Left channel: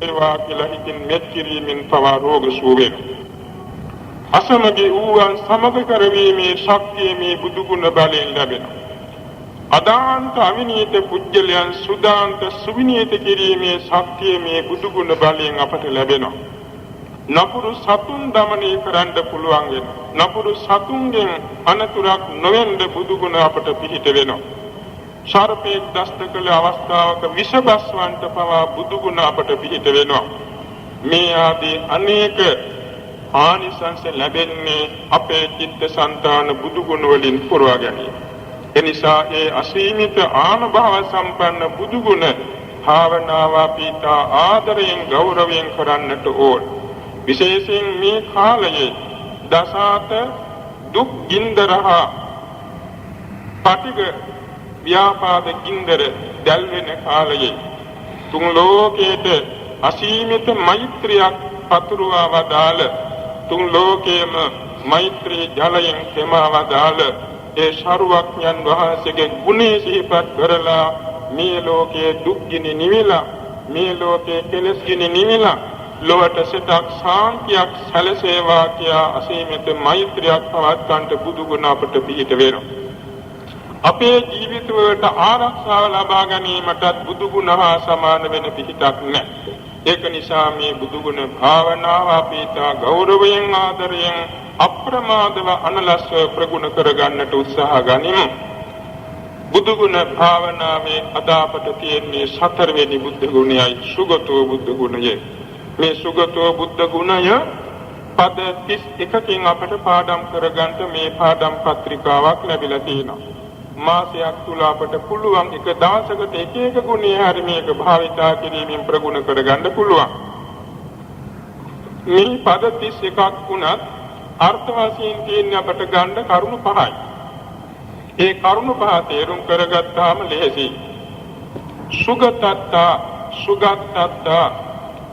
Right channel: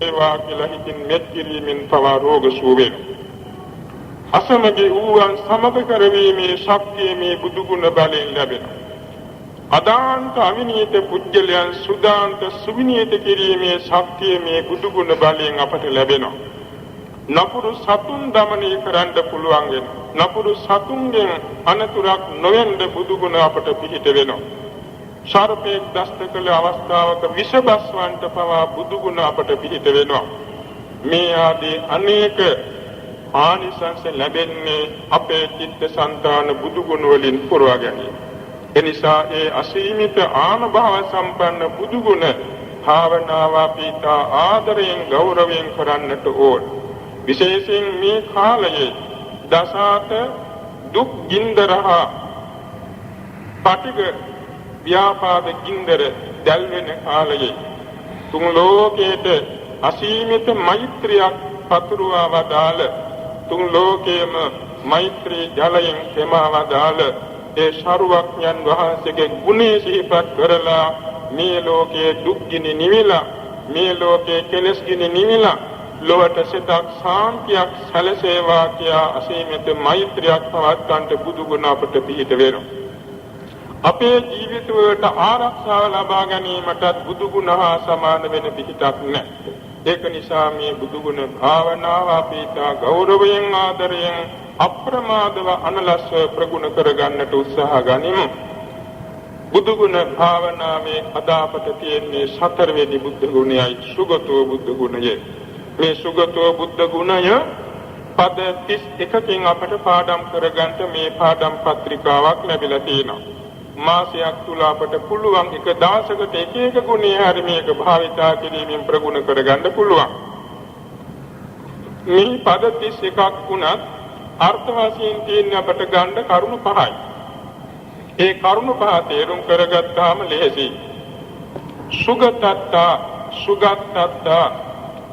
ඒවා කියලා හිතින් මෙත් කිරීමෙන් පවා රෝග සුව වෙනවා. අසමගි වූවන් සමග කරවීමේ ශක්තිය මේ බුදු ගුණ බලයෙන් ලැබෙනවා. අදාන්ත අවිනීත පුජ්‍යලයන් සුදාන්ත සුවිනීත කිරීමේ ශක්තිය මේ බුදු ගුණ බලයෙන් අපට ලැබෙනවා. නපුරු සතුන් දමනය කරන්න පුළුවන් වෙනවා. නපුරු සතුන්ගෙන් අනතුරක් නොවෙන්න බුදු ගුණ අපට පිහිට වෙනවා. සර්පෙක් දෂ්ට කළ අවස්ථාවක විෂබස්වන්ට පවා බුදු ගුණ අපට පිහිට වෙනවා. මේ ආදී අනේක ආනිසංස ලැබෙන්නේ අපේ චිත්තසංතාන බුදු ගුණ වලින් පුරවා ගැනීම. එනිසා ඒ අසීමිත ආනුභාව සම්පන්න බුදු ගුණ භාවනාව අපිට ආදරයෙන් ගෞරවයෙන් කරන්නට ඕන. විශේෂයෙන් මේ කාලයේ දසාත දුක් ගින්දරහා පටිග ව්‍යාපාද ගින්දර දැල්වෙන කාලයේ තුන් ලෝකයේද අසීමිත මෛත්‍රියක් පතුරවා වදාළ තුන් ලෝකයේම මෛත්‍රී ජලයෙන් තෙමා වදාළ ඒ ශරුවක්ඥන් වහන්සේගේ ගුණය සිහිපත් කරලා මේ ලෝකයේ දුක් ගිනි නිවිලා මේ ලෝකයේ කෙලෙස් ගිනි නිවිලා ලොවට සිතක් ශාන්තියක් සැලසේවා කියා අසීමිත මෛත්‍රියක් පවත්වන්නට බුදු ගුණ අපට පිහිට වෙනවා. අපේ ජීවිතවලට ආරක්ෂාව ලබා ගැනීමටත් බුදු ගුණ හා සමාන වෙන පිහිටක් නැහැ. ඒක නිසා මේ බුදු ගුණ භාවනාව අපිට ගෞරවයෙන් ආදරයෙන් අප්‍රමාදව අනලස්ව ප්‍රගුණ කරගන්නට උත්සාහ ගනිමු. බුදු ගුණ භාවනාවේ අදාපට තියෙන්නේ සතරවෙනි බුද්ධ ගුණයයි සුගතෝ බුද්ධ ගුණය. මේ සුගතෝ බුද්ධ ගුණය පද 31කින් අපට පාඩම් කරගන්න මේ පාඩම් පත්‍රිකාවක් ලැබිලා තියෙනවා. මාසයක් තුල අපට පුළුවන් එක දවසකට එක එක ගුණය හරි මේක භාවිතා කිරීමෙන් ප්‍රගුණ කරගන්න පුළුවන්. මේ පද 31ක් වුණත් අර්ථ වශයෙන් තියෙන අපට ගන්න කරුණු පහයි. ඒ කරුණු පහ තේරුම් කරගත්තාම ලෙහෙසි. සුගතත්තා සුගතත්තා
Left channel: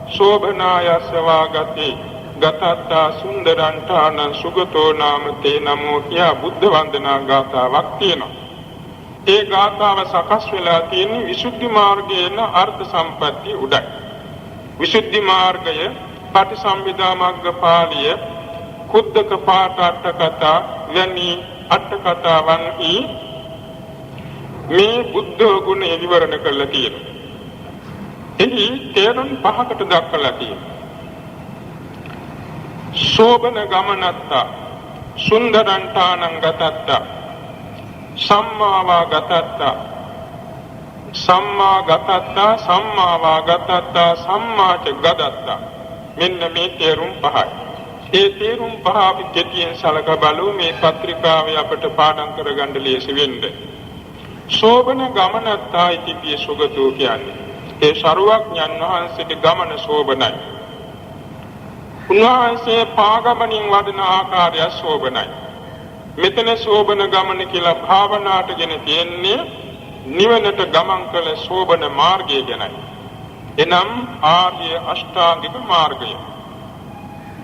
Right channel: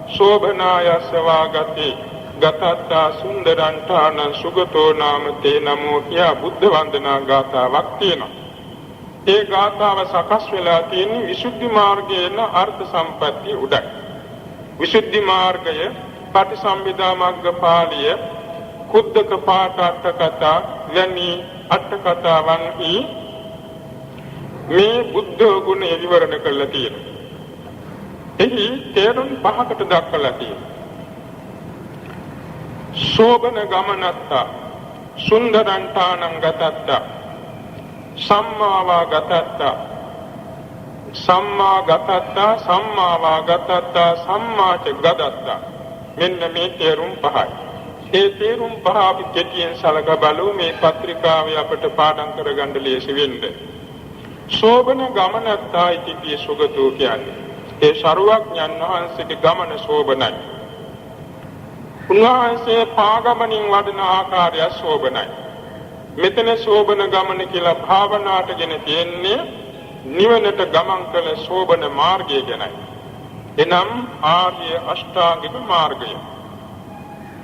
शोभनायस वागति गतत्ता सुंदरंठान सुगतो नाम ते नमो किया बुद्ध वंदना गाथाවක් තියෙනවා. ඒ ගාථාව සකස් වෙලා තියෙන්නේ විසුද්ධි මාර්ගයේන අර්ථ සම්පatti උඩයි. විසුද්ධි මාර්ගය පටිසම්භිදා මග්ග පාළිය කුද්දක පාඨ අට කතා වැනි අට කතාවන්හි මේ බුද්ධ ගුණ විවරණ කරලා තියෙනවා. එහි තේරුම් පහකට දක්වලා තියෙනවා. शोभन गमनत्ता सुंदरंठानं गतत्ता सम्मावा गतत्ता सम्मा गतत्ता सम्मावा गतत्ता सम्माच गदत्ता මෙන්න මේ තේරුම් පහයි. ඒ තේරුම් පහ අපි කෙටියෙන් සලක බලමු මේ පත්‍රිකාවේ අපට පාඩම් කරගන්න ලේසි වෙන්න. शोभन गमनत्ता ඉතිපිය සුගතෝ කියන්නේ ඒ සරුවඥන් වහන්සේගේ ගමන शोभනයි. උන්වහන්සේ පාගමනින් වඩන ආකාරය ශෝභනයි. මෙතන ශෝභන ගමන කියලා භාවනාවටගෙන තියෙන්නේ නිවනට ගමන් කළ ශෝභන මාර්ගය ගැනයි. එනම් ආර්ය අෂ්ටාංගික මාර්ගය.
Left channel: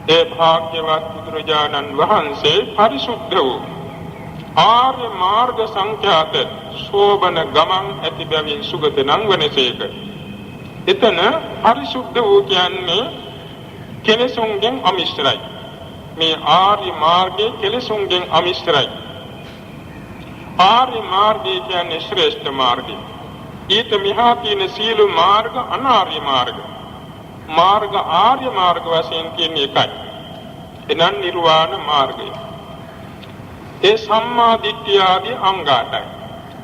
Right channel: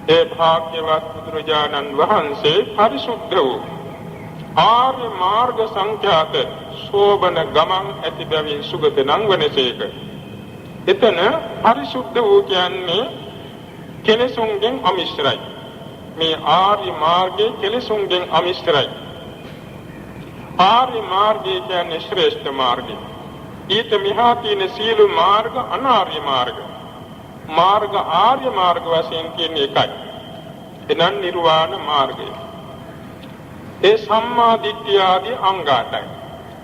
ඒ භාග්‍යවත් බුදුරජාණන් වහන්සේ පරිසුද්ධ වූ ආර්ය මාර්ග සංඛ්‍යාත ශෝභන ගමන් ඇති බැවින් සුගත නම් වනසේක. එතන පරිසුද්ධ වූ කියන්නේ කෙලෙසුන්ගෙන් අමිශ්‍රයි. මේ ආර්ය මාර්ගයේ කෙලෙසුන්ගෙන් අමිශ්‍රයි. ආර්ය මාර්ගය කියන්නේ ශ්‍රේෂ්ඨ මාර්ගය. ඊට මෙහා තියෙන සීල මාර්ග අනාර්ය මාර්ග. මාර්ග ආර්ය මාර්ග වශයෙන් කියන්නේ එකයි. එනම් නිර්වාණ මාර්ගය. ඒ සම්මා දිට්ඨිය ආදී අංගාටයි.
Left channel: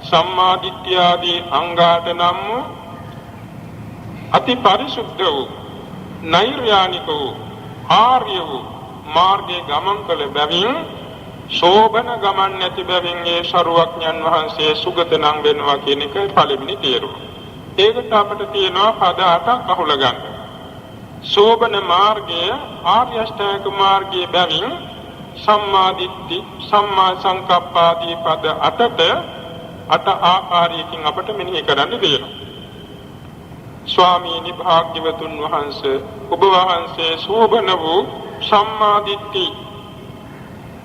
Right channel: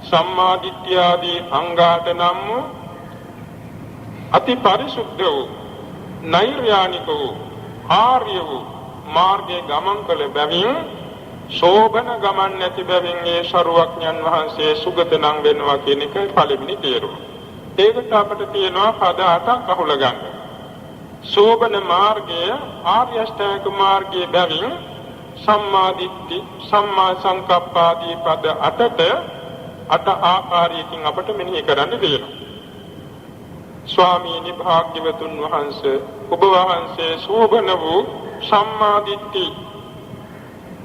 සම්මා දිට්ඨිය ආදී අංගාට නම් අති පරිසුද්ධ වූ නෛර්යානික වූ ආර්ය වූ මාර්ගයේ ගමන් කළ බැවින් ශෝභන ගමන් නැති බැවින් ඒ සරුවඥන් වහන්සේ සුගත නම් වෙනවා කියන එක පළවෙනි තේරුම. ඒකට අපිට තියෙනවා පද 8ක් අහුල ගන්න. ශෝභන මාර්ගය ආර්ය අෂ්ටාංගික මාර්ගයේ බැවින් සම්මා දිට්ඨි සම්මා සංකප්ප ආදී පද 8ට 8 ආකාරයකින් අපිට මෙනෙහි කරන්න දෙනවා. ස්වාමීනි භාග්‍යවතුන් වහන්සේ ඔබ වහන්සේ ශෝභන වූ සම්මා දිට්ඨි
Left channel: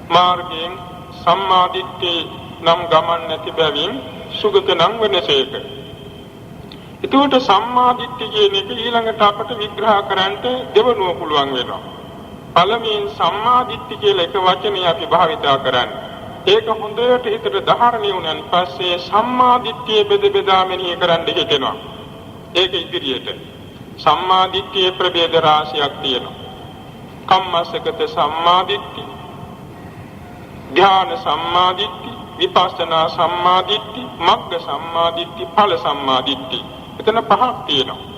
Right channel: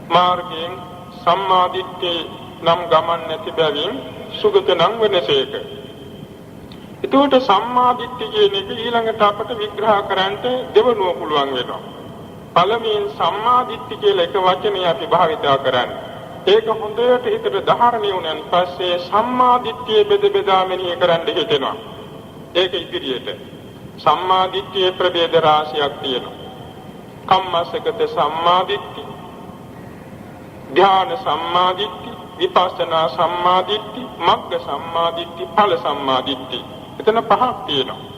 මාර්ගයෙන් සම්මා දිට්ඨි නම් ගමන් නැති බැවින් සුගත නම් වනසේක. එතකොට සම්මා දිට්ඨිය කියන එක ඊළඟට අපට විග්‍රහ කරන්න දෙවනුව පුළුවන් වෙනවා. පළමුවෙන් සම්මා දිට්ඨිය කියලා එක වචනයක් අපි භාවිතා කරන්නේ. ඒක හොඳට හිතට ධාරණය වුණාන් පස්සේ සම්මා දිට්ඨිය බෙද බෙදා මෙනෙහි කරන්න හිතෙනවා. ඒක ඉදිරියට සම්මා දිට්ඨියේ ප්‍රභේද රාශියක් තියෙනවා. කම්මස්සගත සම්මා දිට්ඨිය, ධ්‍යාන සම්මා දිට්ඨිය, විපස්සනා සම්මා දිට්ඨිය, මග්ග සම්මා දිට්ඨිය, ඵල සම්මා දිට්ඨිය. එතන පහක් තියෙනවා.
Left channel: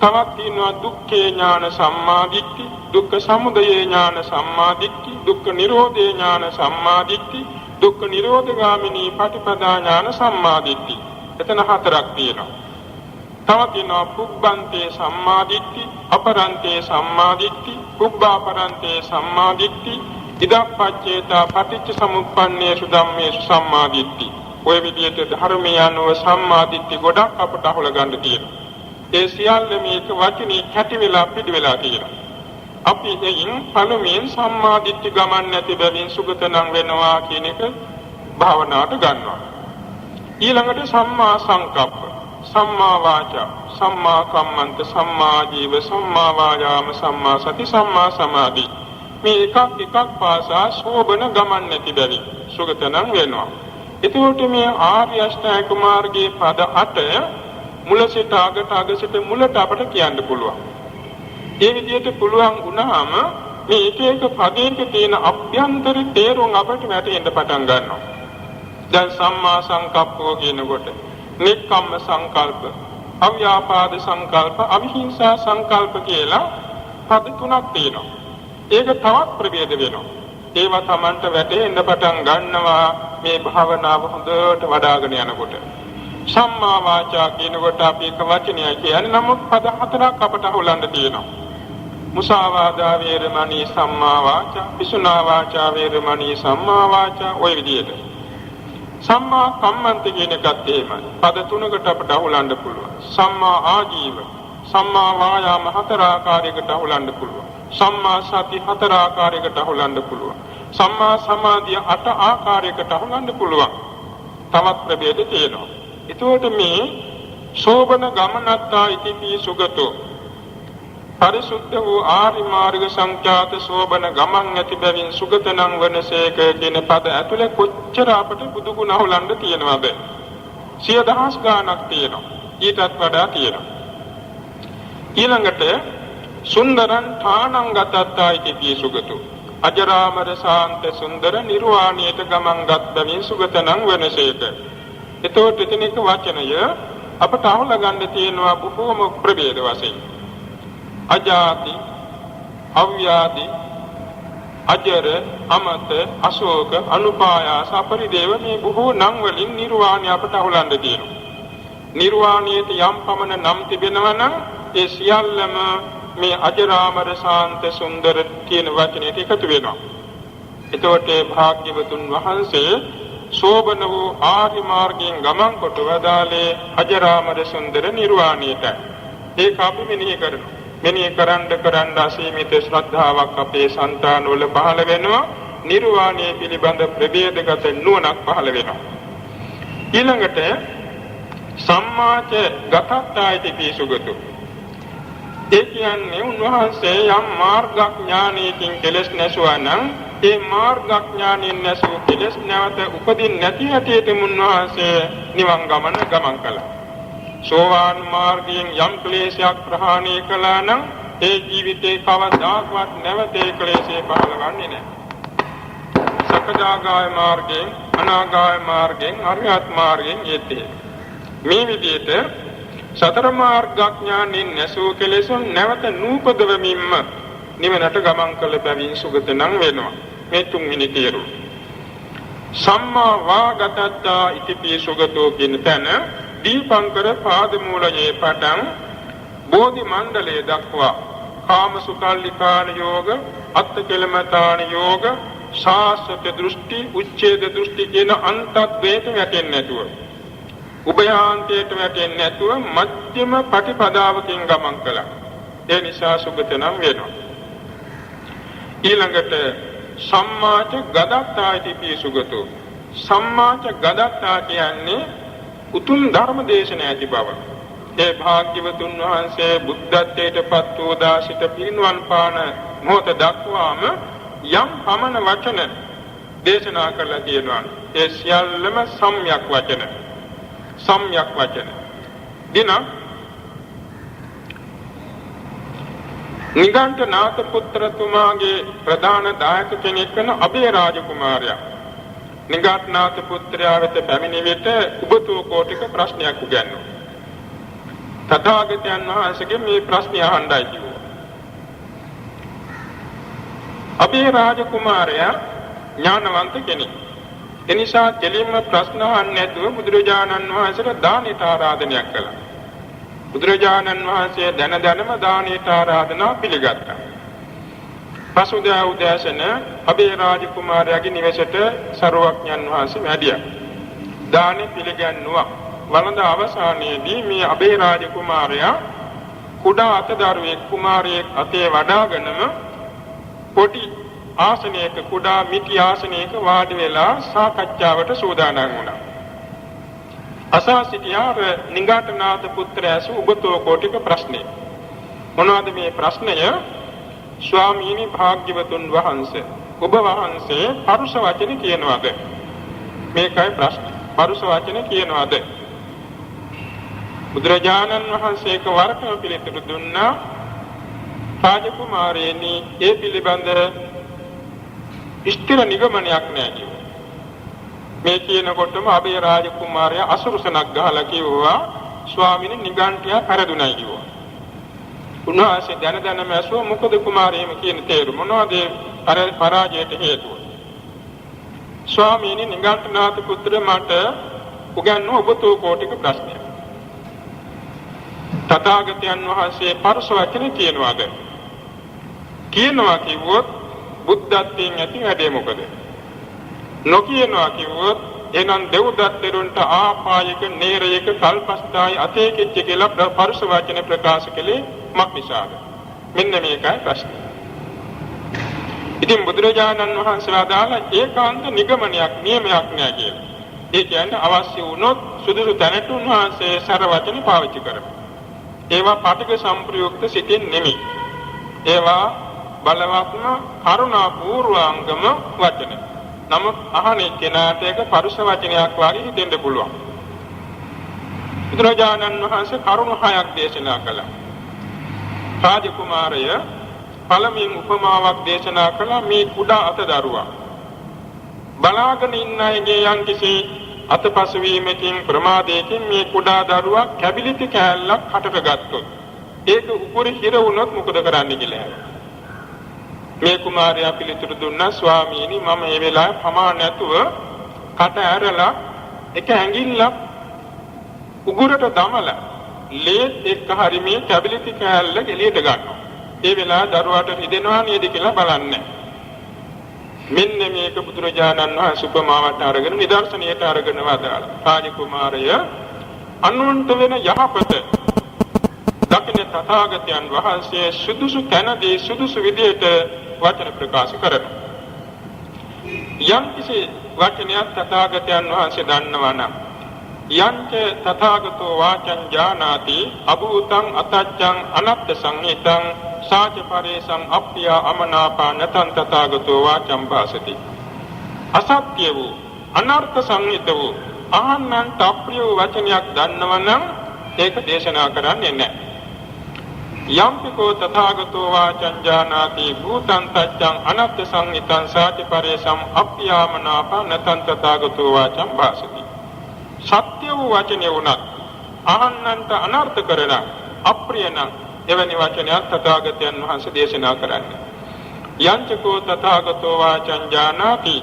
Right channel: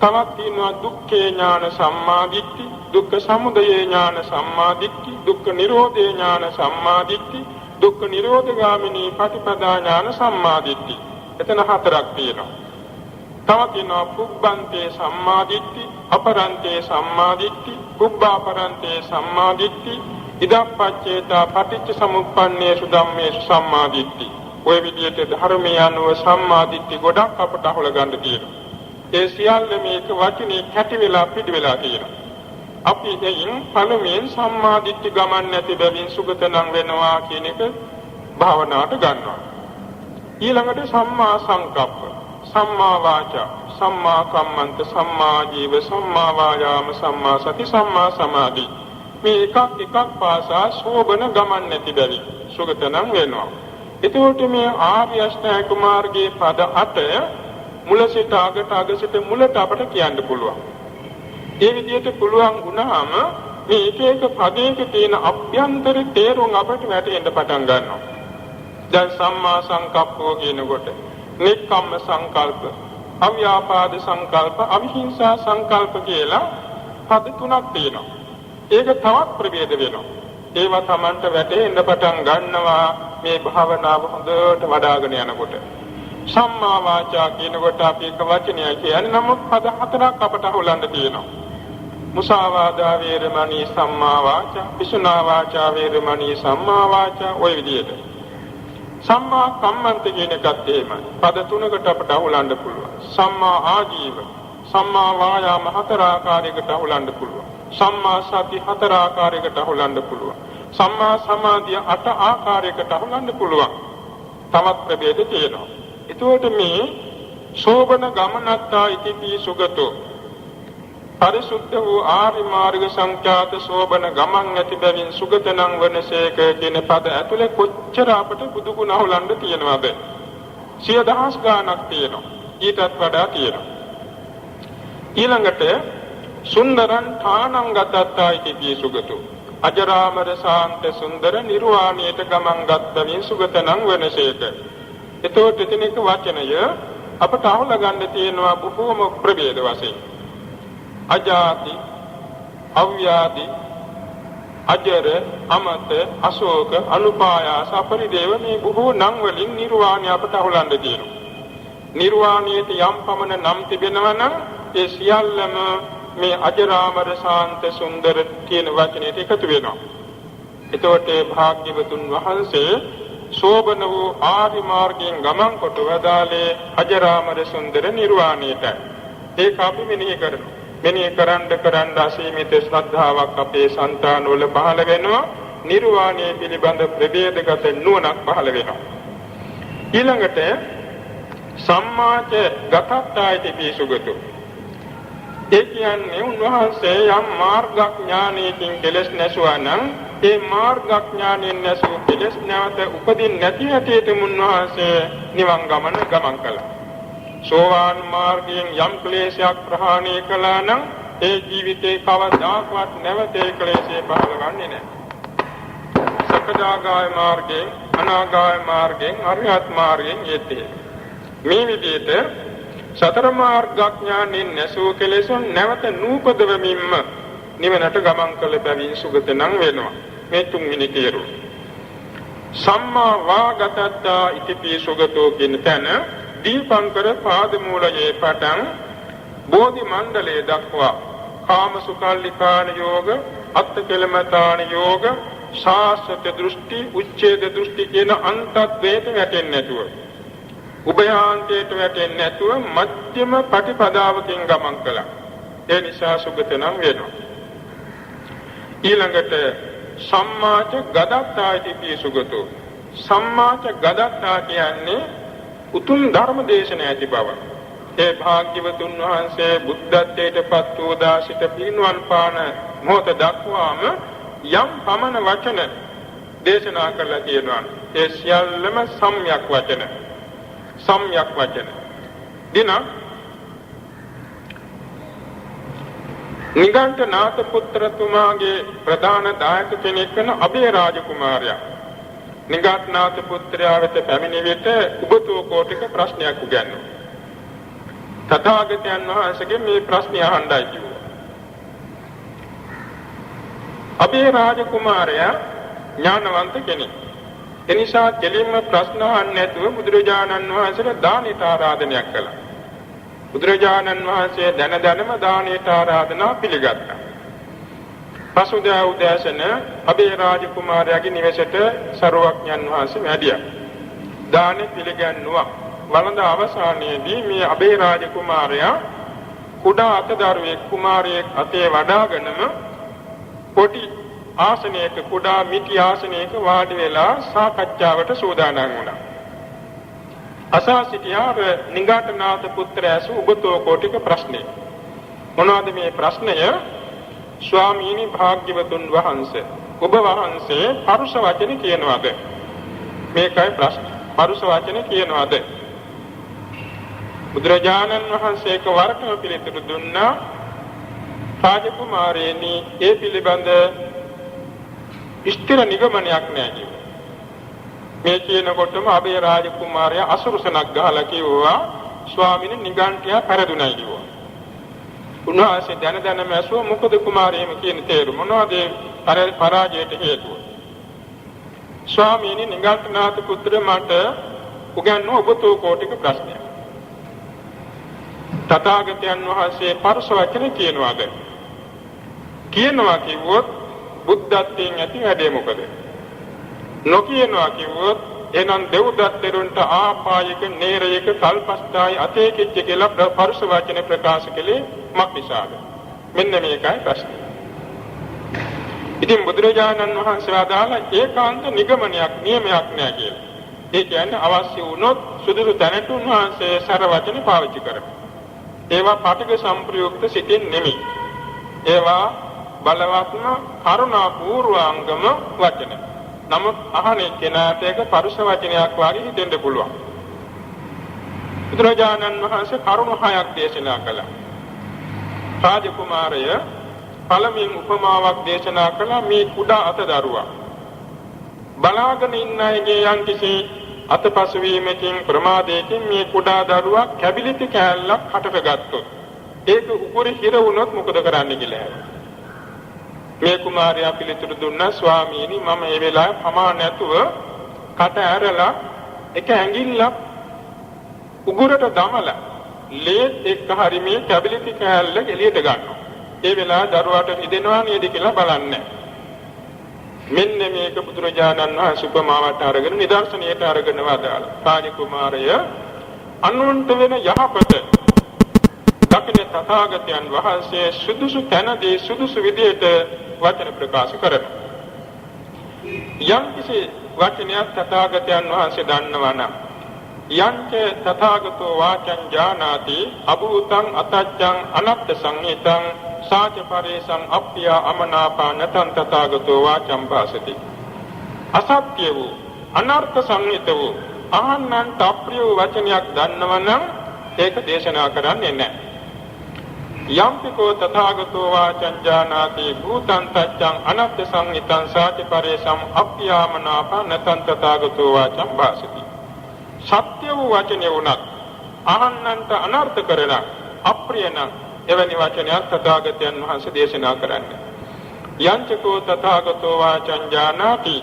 තවත් තියෙනවා දුක්ඛේ ඥාන සම්මා දිට්ඨිය, දුක්ඛ සමුදය ඥාන සම්මා දිට්ඨිය, දුක්ඛ නිරෝධේ ඥාන සම්මා දිට්ඨිය, දුක්ඛ නිරෝධගාමිනී පටිපදා ඥාන සම්මා දිට්ඨිය. එතන හතරක් තියෙනවා. තවත් තියෙනවා පුබ්බන්තේ සම්මා දිට්ඨිය, අපරන්තේ සම්මා දිට්ඨිය, පුබ්බාපරන්තේ සම්මා දිට්ඨිය, ඉදප්පච්චේතා පටිච්ච සමුප්පන්නේසු ධම්මේසු සම්මා දිට්ඨිය. ඔය විදිහට ධර්මයේ අනුව සම්මා දිට්ඨිය ගොඩක් අපට අහුල ගන්න තියෙනවා. ඒ සියල්ල මේක වචනේ කැටි වෙලා පිටි වෙලා තියෙනවා. අපි එයින් පළමුවෙන් සම්මා දිට්ඨි ගමන් නැති බැවින් සුගතනම් වෙනවා කියන එක භාවනාවට ගන්නවා. ඊළඟට සම්මා සංකප්ප, සම්මා වාචා, සම්මා කම්මන්ත, සම්මා ජීව, සම්මා වායාම, සම්මා සති, සම්මා සමාධි. මේ එකක් පාසා සෝබන ගමන් නැති බැවින් සුගතනම් වෙනවා. එතකොට මේ ආර්ය අෂ්ටාංග මාර්ගයේ පද 8 මුල සිට අගට සිට මුලට අපට කියන්න පුළුවන්. ඒ විදිහට පුළුවන් වුණාම මේ එක එක පදයක තියෙන අභ්‍යන්තර තේරුම් අපට වැටෙන්න පටන් ගන්නවා. දැන් සම්මා සංකප්පෝ කියනකොට නික්කම්ම සංකල්ප, අව්‍යාපාද සංකල්ප, අවිහිංසා සංකල්ප කියලා පද තුනක් තියෙනවා. ඒක තවත් ප්‍රභේද වෙනවා. ඒවා Tamanට වැටෙන්න පටන් ගන්නවා මේ භාවනාව හොඳට වඩ아가න යනකොට. සම්මා වාචා කියනකොට අපි එක වචනයක් කියන්නේ නමුත් පද හතරක් අපට හොලන්න තියෙනවා. මුසාවාදා වේරමණී සම්මා වාචා, පිසුනා වාචා වේරමණී සම්මා වාචා, ඔය විදිහට. සම්මා කම්මන්ත කියන එකත් එහෙමයි. පද තුනකට අපට හොලන්න පුළුවන්. සම්මා ආජීව, සම්මා වායාම හතර ආකාරයකට හොලන්න පුළුවන්. සම්මා සති හතර ආකාරයකට හොලන්න පුළුවන්. සම්මා සමාධිය 8 ආකාරයකට හොලන්න පුළුවන්. තවත් ප්‍රභේද තියෙනවා. එතකොට මේ සෝබන ගමනත්තා ඉතිපි සුගතෝ, පරිසුද්ධ වූ ආර්ය මාර්ග සංඛ්‍යාත සෝබන ගමන් ඇති බැවින් සුගතනම් වනසේක කියන පද ඇතුලේ කොච්චර අපට බුදු ගුණ හොලන්න තියෙනවද? 100,000 ගාණක් තියෙනවා. ඊටත් වඩා තියෙනවා. ඊළඟට සුන්දරං ථානං ගතත්තා ඉතිපි සුගතෝ, අජරාමර ශාන්ත සුන්දර නිර්වාණයට ගමන් ගත් බැවින් සුගතනම් වනසේක. එතකොට එතන එක වචනය අපට අහුලා ගන්න තියෙනවා බොහෝම ප්‍රභේද වශයෙන්. අජාති, අව්‍යාදි, අජර, අමත, අශෝක, අනුපායාස, අපරිදේව මේ බොහෝ නම් වලින් නිර්වාණය අපට අහුලන්න තියෙනවා. නිර්වාණයට යම් පමණ නම් තිබෙනවා නම් ඒ සියල්ලම මේ අජරාමර ශාන්ත සුන්දර කියන වචනයට එකතු වෙනවා. එතකොට භාග්‍යවතුන් වහන්සේ සෝබන වූ ආර්ය මාර්ගයෙන් ගමන් කොට වදාළේ අජරාමර සුන්දර නිර්වාණයට. ඒක අපි මෙනෙහි කරනවා. මෙනෙහි කරන්න අසීමිත ශ්‍රද්ධාවක් අපේ సంతාන වල පහළ වෙනවා. නිර්වාණය පිළිබඳ ප්‍රභේදගත නුවණක් පහළ වෙනවා. ඊළඟට සම්මාච ගතත්තායිති පිසුගතෝ, ඒ කියන්නේ උන්වහන්සේ යම් මාර්ගඥානයකින් කෙලස් නැසුවා නම් ඒ මාර්ගඥානයෙන් නැසූ කෙලස් නැවත උපදින් නැති හැටියට උන්වහන්සේ නිවන් ගමන ගමන් කළා. සෝවාන් මාර්ගයෙන් යම් ක්ලේශයක් ප්‍රහාණය කළා නම් ඒ ජීවිතේ කවදාකවත් නැවත ඒ ක්ලේශය පහළවන්නේ නැහැ. සකදාගාය මාර්ගයෙන්, අනාගාය මාර්ගයෙන්, අරිහත් මාර්ගයෙන් යෙතේ. මේ විදිහට සතර මාර්ගඥානෙන් නැසූ කෙලෙසුන් නැවත නූපදවමින්ම නිවනට ගමන් කළ බැවින් සුගතනම් වෙනවා. මේ තුන්වෙනි තේරුම. සම්මා වාගතත්තා ඉතිපි සුගතෝ කියන තැන දීපංකර පාදමූලයේ පටන් බෝධි මණ්ඩලයේ දක්වා කාම සුඛල්ලිකාන යෝග, අත්කලමතාන යෝග, සාස්වත දෘෂ්ටි, උච්ඡේද දෘෂ්ටි කියන අන්තද්වේත වැටෙන්නේ නැතුව, උභයාන්තයට වැටෙන්නේ නැතුව මධ්‍යම ප්‍රතිපදාවකින් ගමන් කළා. ඒ නිසා සුගතනම් වෙනවා. ඊළඟට සම්මාච ගදත්තායිති පිසුගතෝ, සම්මාච ගදත්තා කියන්නේ උතුම් ධර්ම දේශන ඇති බව. ඒ භාග්‍යවතුන් වහන්සේ බුද්ධත්වයට පත් වූ දාසිත පිරිනුවන් පාන මොහොත දක්වාම යම් පමණ වචන දේශනා කළා කියනවා. ඒ සියල්ලම සම්‍යක් වචන. සම්‍යක් වචන. දින නිගණ්ඨනාථ පුත්‍රතුමාගේ ප්‍රධාන දායක කෙනෙක් වන අබේ රාජ කුමාරයා නිගණ්ඨනාථ පුත්‍රයා වෙත පැමිණි විට උබතෝ කෝටික ප්‍රශ්නයක් උගන්වනවා. තථාගතයන් වහන්සේගෙන් මේ ප්‍රශ්නය අහන්නයි කිව්වා. අබේ රාජ කුමාරයා ඥානවන්ත කෙනෙක්. එනිසා කෙලින්ම ප්‍රශ්න අහන්නේ නැතුව බුදුරජාණන් වහන්සේට දානෙට ආරාධනයක් කළා. බුදුරජාණන් වහන්සේ දැනම දානෙට ආරාධනා පිළිගත්තා. පසුදා උදෑසන අබේ රාජ කුමාරයාගේ නිවසට සරුවක්ඥන් වහන්සේ වැඩියා. දානෙ පිළිගන්නවා. වළඳ අවසානයේදී මේ අබේ රාජ කුමාරයා කුඩා අතදරුවෙක් කුමාරයෙක් අතේ වඩාගෙනම පොටි ආසනයක කුඩා මිටි ආසනයක වාඩි වෙලා සාකච්ඡාවට සූදානම් වුණා. අසා සිටියා නිගණ්ඨනාථ පුත්‍රයාසු උගතෝ කෝටික ප්‍රශ්නේ. මොනවාද මේ ප්‍රශ්නය? ස්වාමීනි භාග්‍යවතුන් වහන්සේ ඔබ වහන්සේ පරුෂ වචන කියනවාද? මේකයි ප්‍රශ්නේ. පරුෂ වචන කියනවාද? බුදුරජාණන් වහන්සේක වරකම පිළිතුරු දුන්නා. රාජකුමාරයනි ඒ පිළිබඳ ස්ථිර නිගමනයක් නැහැ. මේ කියනකොටම අබේ රාජකුමාරයා අසුරුසනක් ගහලා කිව්වා ස්වාමීනි නිගණ්ඨයා පෙරදුණයි කිව්වා. උන්වහන්සේ දැනම ඇසුවා මොකද කුමාරයෙම කියන තේරුම මොනවද පරාජයට හේතුව? ස්වාමීනි නිගණ්ඨනාථ පුත්‍ර මට උගන්වන ඔබතෝ කෝටික ප්‍රශ්නයක්. තථාගතයන් වහන්සේ පරස වචන කියනවාද? කියනවා කිව්වොත් බුද්ධත්වයෙන් ඇති වැඩේ මොකද? නොකියනවා කිව්වොත් එනම් දෙව්දත්තරුන්ට ආපායක නේරයක කල්පස්ථායි අතේකිච්ච කියලා පරස වචන ප්‍රකාශ කළේ මක් නිසාද? මෙන්න මේකයි ප්‍රශ්නේ. ඉතින් බුදුරජාණන් වහන්සේ ආදාළ ඒකාන්ත නිගමනයක් නියමයක් නෑ කියලා. ඒ කියන්නේ අවශ්‍ය වුණොත් සුදුසු තැනට උන්වහන්සේ සර වචන පාවිච්චි කරනවා. ඒවා පටිඝ සම්ප්‍රයුක්ත සිතින් නෙමෙයි. ඒවා බලවත්ම කරුණා පූර්වාංගම වචන. නමුත් අහන්නේ කෙනාට ඒක පරුෂ වචනයක් වගේ හිතෙන්න පුළුවන්. බුදුරජාණන් වහන්සේ කරුණු 6ක් දේශනා කළා. රාජකුමාරය පළමුවෙන් උපමාවක් දේශනා කළා මේ කුඩා අතදරුවා. බලාගෙන ඉන්න අයගේ යම්කිසි අතපසු වීමකින් ප්‍රමාදයකින් මේ කුඩා දරුවා කැබිලිති කෑල්ලක් හටට ගත්තොත් ඒක උකුරේ හිර වුණොත් මොකද කරන්න කියලා. මේ කුමාරයා පිළිතුරු දුන්නා ස්වාමීනි මම මේ වෙලාවේ පමා නැතුව කට ඇරලා එක ඇඟිල්ලක් උගුරට දමලා ලේත් එක්ක හරි මේ කැබිලිති කෑල්ල එළියට ගන්නවා. ඒ වෙලාව දරුවාට හිදෙනවා නේද කියලා බලන්නේ. මෙන්න මේක බුදුරජාණන් වහන්සේ උපමාවට අරගෙන නිදර්ශනයට අරගෙන වදාළා. රාජකුමාරය අනුන්ට වෙන යහපත දකින තථාගතයන් වහන්සේ සුදුසු තැනදී සුදුසු විදියට වචන ප්‍රකාශ කරනවා. යම්කිසි වචනයක් තථාගතයන් වහන්සේ දන්නවා නම් යන්ත තථාගතෝ වාචං ඥානාති අභූතං අතච්ඡං අනත්ත සංහිතං සාච පරේසං අප්පිය අමනාපා නතං තථාගතෝ වාචං භාසති. අසත්‍ය වූ අනර්ථ සංහිත වූ අහන්නන්ට අප්‍රිය වූ වචනයක් දන්නවනම් ඒක දේශනා කරන්නේ නැහැ. යම්පිකෝ තථාගතෝ වාචං ඥානාති භූතං තච්ඡං අනත්ත සංහිතං සාච පරේසං අප්පිය අමනාපා නතං තථාගතෝ වාචං භාසති. සත්‍ය වූ වචනේ වුණත් අහන්නන්ට අනර්ථ කරන අප්‍රිය නම් එවැනි වචනයක් තථාගතයන් වහන්සේ දේශනා කරන්නේ. යංචකෝ තථාගතෝ වාචං ඥානාති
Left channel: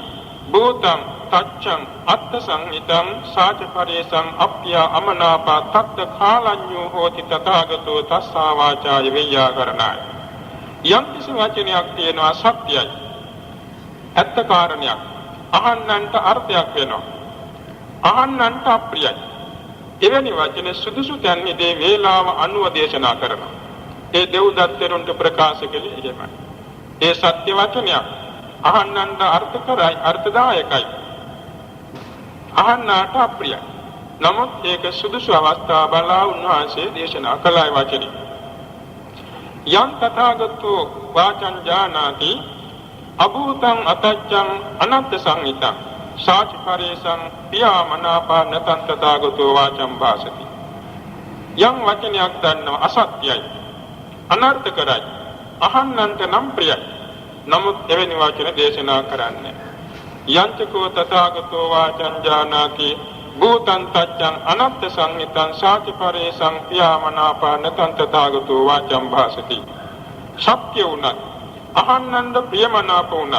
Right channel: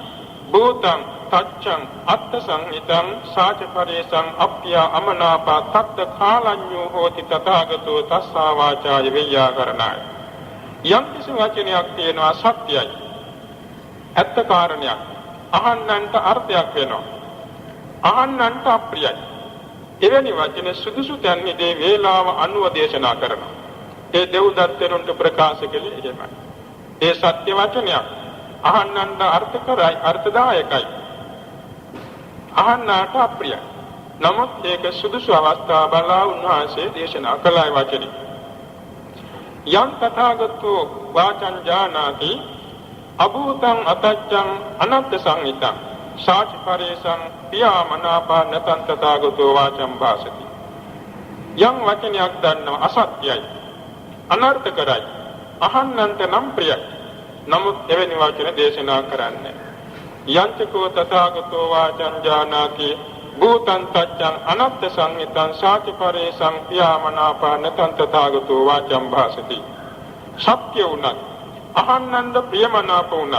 භූතං තච්ඡං අත්ථ සංහිතං සාච පරේසං අප්පිය අමනාපා තක්ත කාලඤ්ඤෝ හෝති තථාගතෝ තස්සා වාචාය වේයාකරණාය. යම් කිසි වචනයක් තියෙනවා සත්‍යයි. ඇත්ත කාරණයක්. අහන්නන්ට අර්ථයක් වෙනවා. අහන්නන්ට අප්‍රියයි. එවැනි වචන සුදුසු තැන්හිදී වේලාව අනුව දේශනා කරනවා. ඒ දෙව්දත්තරුන්ට ප්‍රකාශ කළේ එහෙමයි. ඒ සත්‍ය වචනයක් අහන්නන්ට අර්ථකරයි අර්ථදායකයි. අහන්නට අප්‍රියයි. නමුත් ඒක සුදුසු අවස්ථා බලා උන්වහන්සේ දේශනා කළයි වචනේ. යම් තථාගතෝ වාචං ජානාති අභූතං අතච්ඡං අනත්ත සංහිතං සාචිපරේසං පියාමනාපාන තථාගතෝ වාචං භාසති. යම් වචනයක් දන්නව අසත්‍යයි අනර්ථ කරයි අහන්නන්ට නම් ප්‍රියයි නමුත් එවැනි වචන දේශනා කරන්නේ යංචකෝ තථාගතෝ වාචං ජානාති භූතං තච්ඡං අනත්ත සංහිතං සාචිපරේසං පියාමනාපාන තථාගතෝ වාචං භාසති. සත්‍ය උනත් අහන්නන්ට ප්‍රියමනාප උනත්